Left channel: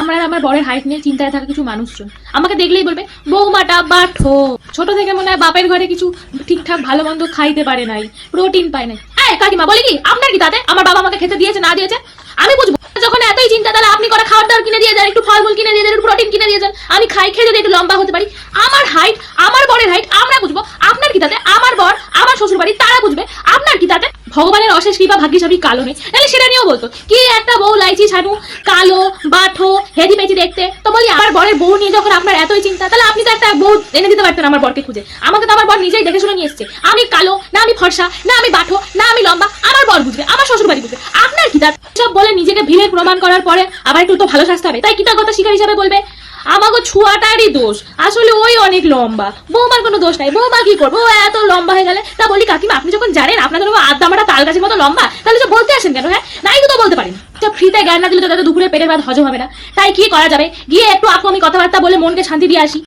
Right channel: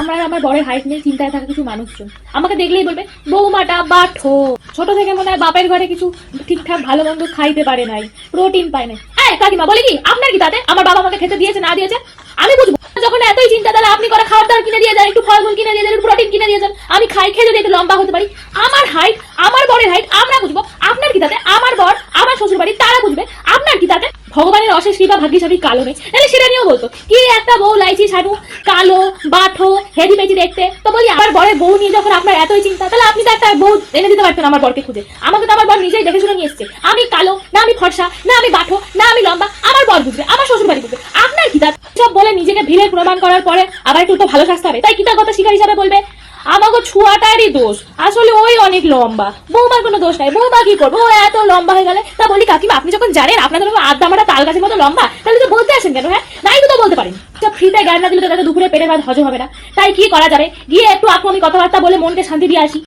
আমার বরের হাইট নিয়ে চিন্তায় থাকা কিছু মানুষজন আমাকে দেখলেই বলবে বৌমাটা বাঠো, ছোট থেকে মনে হয় বাপের ঘরে কিছু ঠিকঠাক ভালো মন্দ খাইতে পারে নাই, প্রোটিন পায় নাই। এই কাকিমা বলি কি আপনার কি তাতে আমার বাবা আমাকে খেতে দিয়েছে না দিয়েছে আমি বুঝবো? যখন এতই চিন্তা তাহলে আপনি করে খাবার দাবার কিনে দিয়ে যান, একটু ফলমূল কিনে দিয়ে যান, একটু প্রোটিন কিনে দিয়ে যান, আমি খাই খেয়ে যদি একটু লম্বা হতে পারি। আমার হাইট আমার বরের হাইট আমরা বুঝবো, আপনার কি তাতে? আমার বর আমার শ্বশুর বাড়ি তারা বুঝবে, আপনার কি তাতে? ভগবানের অশেষ কৃপা ভাগ্যিস আমি কালো নেই, তাহলে সেটা নিয়েও বলতো কি একটা বউ লাইচি ছাড়ু কালো বাঠো হেদি পেচি দেখতে। তো বলি আমার বরের বউ নিয়ে যখন আপনার এতই চিন্তা তাহলে আপনি তো একটা বউ এনে দিতে পারতেন আমার বরকে খুঁজে। আমাকে তো আমার বর নিজেই দেখে শুনে নিয়ে এসছে, আমি কালো না আমি ফর্সা না আমি বাঠো না আমি লম্বা, আমার বর বুঝবে আমার শ্বশুর বাড়ি বুঝবে। আপনার কি তার? সব বলে নিজেকে ভিলের প্রমাণ করার পরে আবার একটু তো ভালো শাস্তি হবে, তাই কৃতজ্ঞতা শিকার হিসাবে বলবে আমাকে ছুয়াটারই দোষ, আসলে ওই অনেক লম্বা, বৌমার কোনো দোষ নাই, বৌমা কি করবো ও এত লম্বা হয়ে গেলে। তা বলি কাকিমা আপনি যখন জানেন আপনাদের আড্ডামাটা তাল গাছের মতো লম্বা তাহলে তো বলতে আসেন কেন? হ্যাঁ নাই তো বলতে পারেন, ফ্রিতে জ্ঞান না দিলে তো দুপুরে পেটের ভাত হজম হবে না। তাই কি করা যাবে, গিয়ে একটু আপু আমি কথাবার্তা বলে মনকে শান্তি দিয়ে আসি।